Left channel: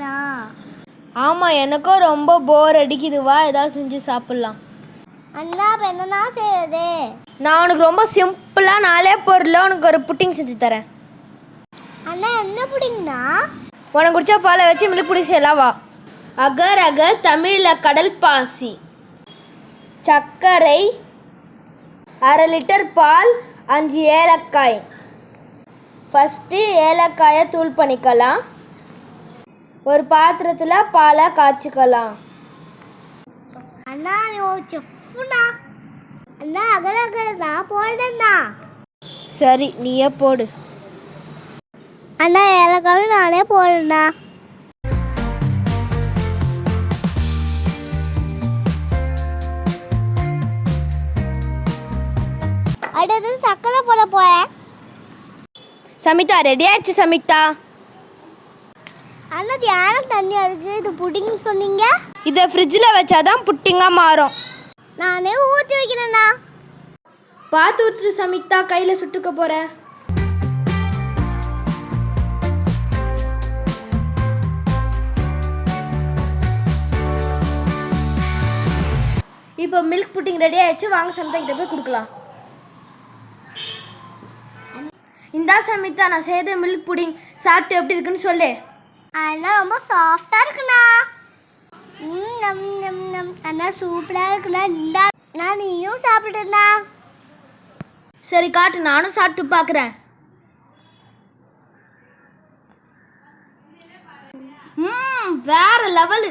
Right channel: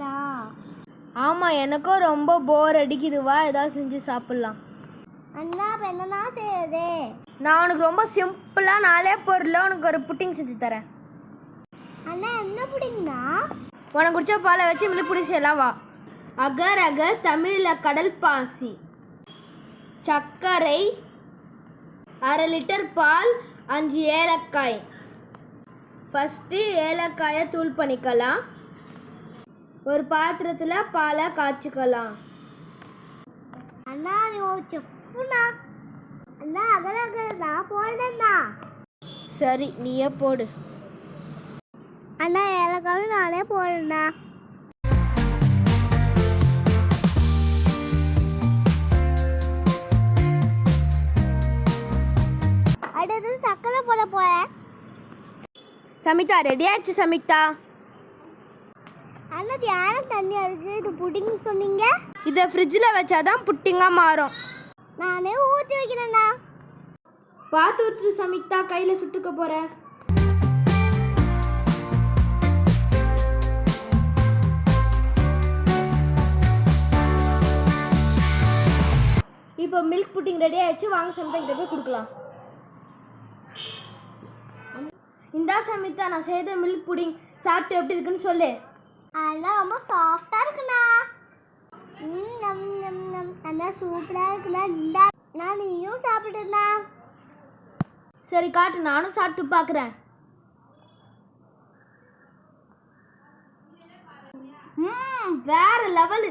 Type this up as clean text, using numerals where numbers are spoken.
சாப்பிடனா? ஆமாம், எனக்கும் ரொம்ப போர் அடிக்குது. வா, ஏதாவது செஞ்சு சாப்பிட்லாம். அண்ணா இப்போ என்னண்ணா செய்யறது? நான் உனக்கு ரொம்ப சிம்பிளாக 4 பொருளில் உனக்கு ஒரு புட்டிங் செஞ்சு தரேன். அண்ணா என்ன புடிங்கண்ணா? உனக்கு குடிச்சா பாலை வச்சு மில்க் புடிங் செய்யலாம். வா. அகர் அகர் தமிழில் கடல் பாசி, சர்க்கரை, 1/2 லிட்டர் பால், 5 ஏலக்காய். ஃபஸ்ட்டு ஏலக்காயை தூள் பண்ணிக்கலாம். ஒரு பாத்திரத்தில் பாலை காய்ச்சிக்கலாம். அண்ணா நீ ஒரு செஃப்னா. அண்ணா அகர் அகர் நான் போடுறேண்ணா. சரி, நீயே போடு. அண்ணா ஏலக்காய் நானே போடுறேண்ணா. அடுத்தது சர்க்கரை போட போறேன். சமிதா, ரெடி ஆயிடுச்சு சமிதா. அண்ணா தியானம் தண்ணி இருக்கு. இது புடிங் சொன்னீங்க. இதை ஃப்ரிட்ஜில் வச்சாதான் புட்டிங்காக மாறும். நானே ஊற்றி வைக்கிறேண்ணா. பார்த்து ஊற்று சமிதா, கையில் சுட்டுக்க போகிற. இப்போ மில்க் புட்டிங் ரெடி ஆயிடுச்சு. வாங்க சமிதா கிட்ட போய் கொடுக்கலாம். இந்தா சமிதா, நான் செய்த மில்க் புட்டிங் சாப்பிட்டு எப்படி இருக்குன்னு சொல்லு. அண்ணா ரொம்ப சாஃப்டா இருக்குண்ணா. அண்ணா சூப்பரா இருக்குண்ணா. இந்தா நான் நீயும் சாப்பிடுண்ணா. சரி காட்டு, நானும் சாப்பிட்டு பார்க்குறேன். வேற லெவலு.